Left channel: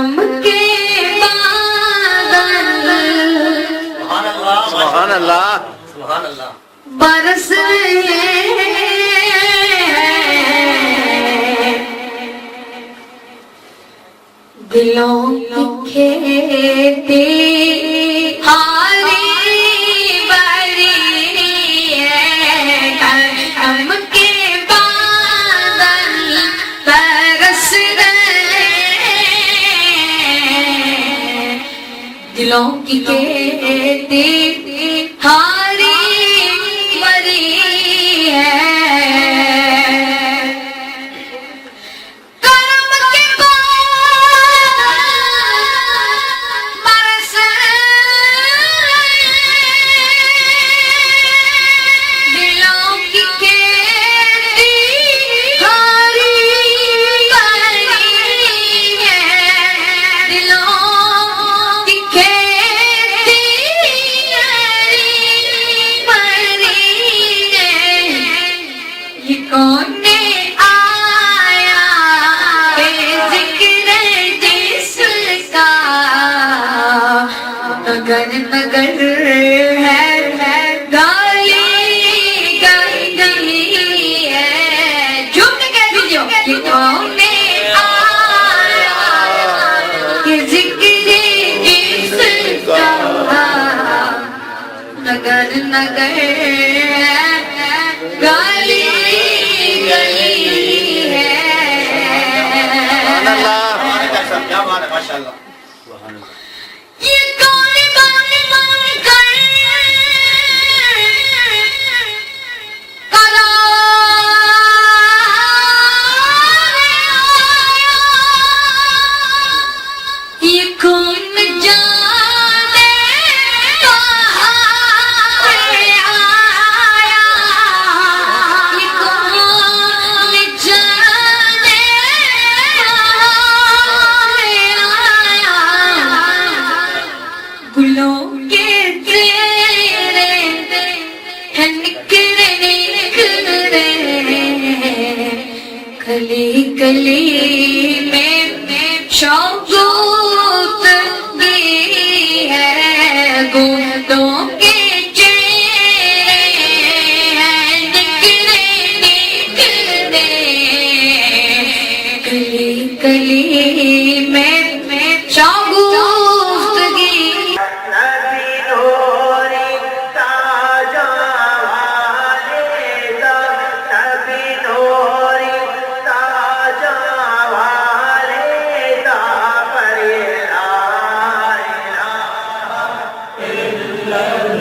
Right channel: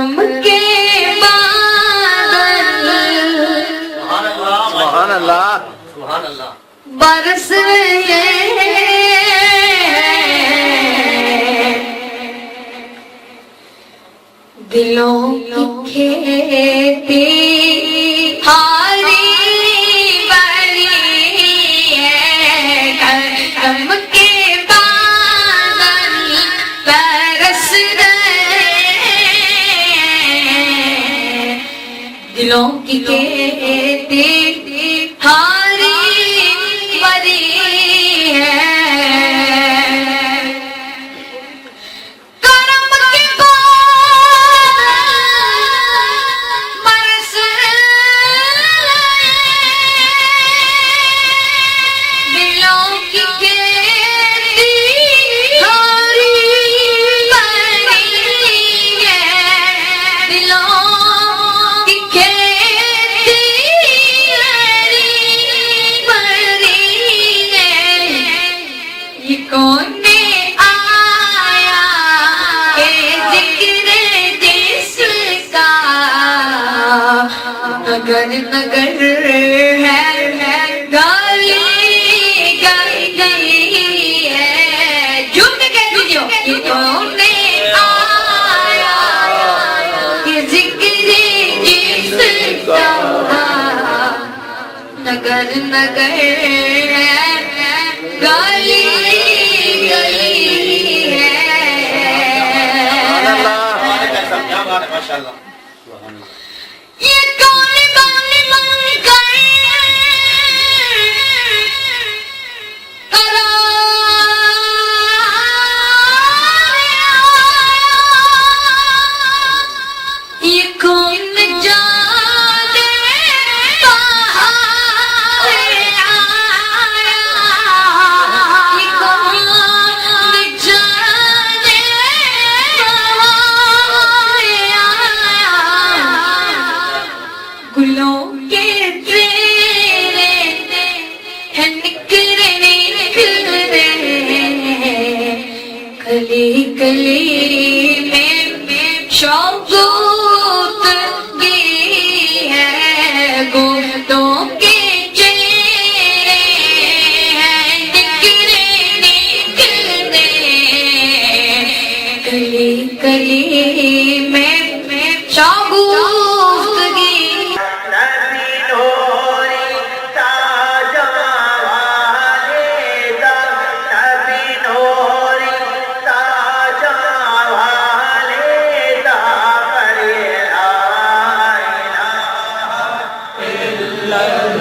کرم کے بادل سبحان اللہ برس رہے دلوں کی کھیتی ہاری بڑی ہے کرم کے بادل برس رہے دلوں کی کھیتی ہاری بڑی ہے کون آیا کہ ذکر جس کا نگر نگر ہے گالی گئی ہے جھوم کے کہہ دیجیے کہ کون آیا کہ ذکر جس کا نگر نگر گالی یہ کون کر یہ کون جانے کہاں آیا یہ کون جانے گلوں کے تیرے ہیں نکھرے کلی کلی میں شوقت گی ہے گوتوں کے چہرے ہیں نکھرے کلی کلی میں شوقت گی اللہ